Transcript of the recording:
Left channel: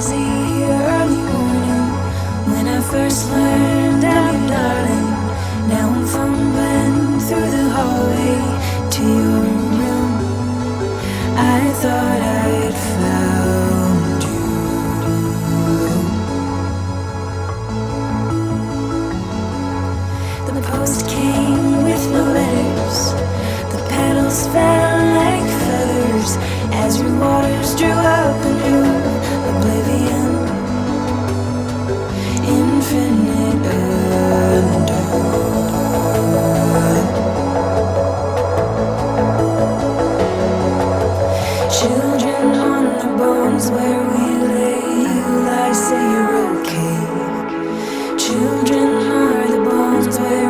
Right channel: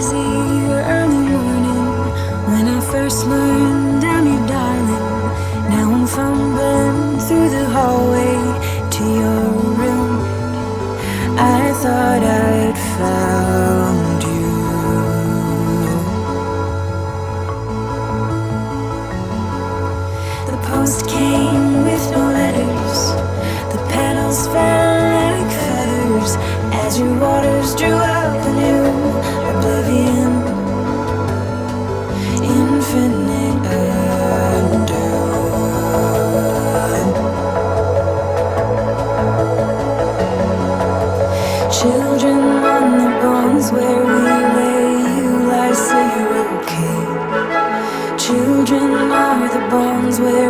noisy early morning when I first learned I'm your darling. Now I'm fumbling through the hallway to your room. I thought I'd found you. The post came with no letters. The petals fell like feathers as your waters drew up a new oblivion. Infinite undone. Children on the bones where we lay, you lie, say you're okay. Children are the bones where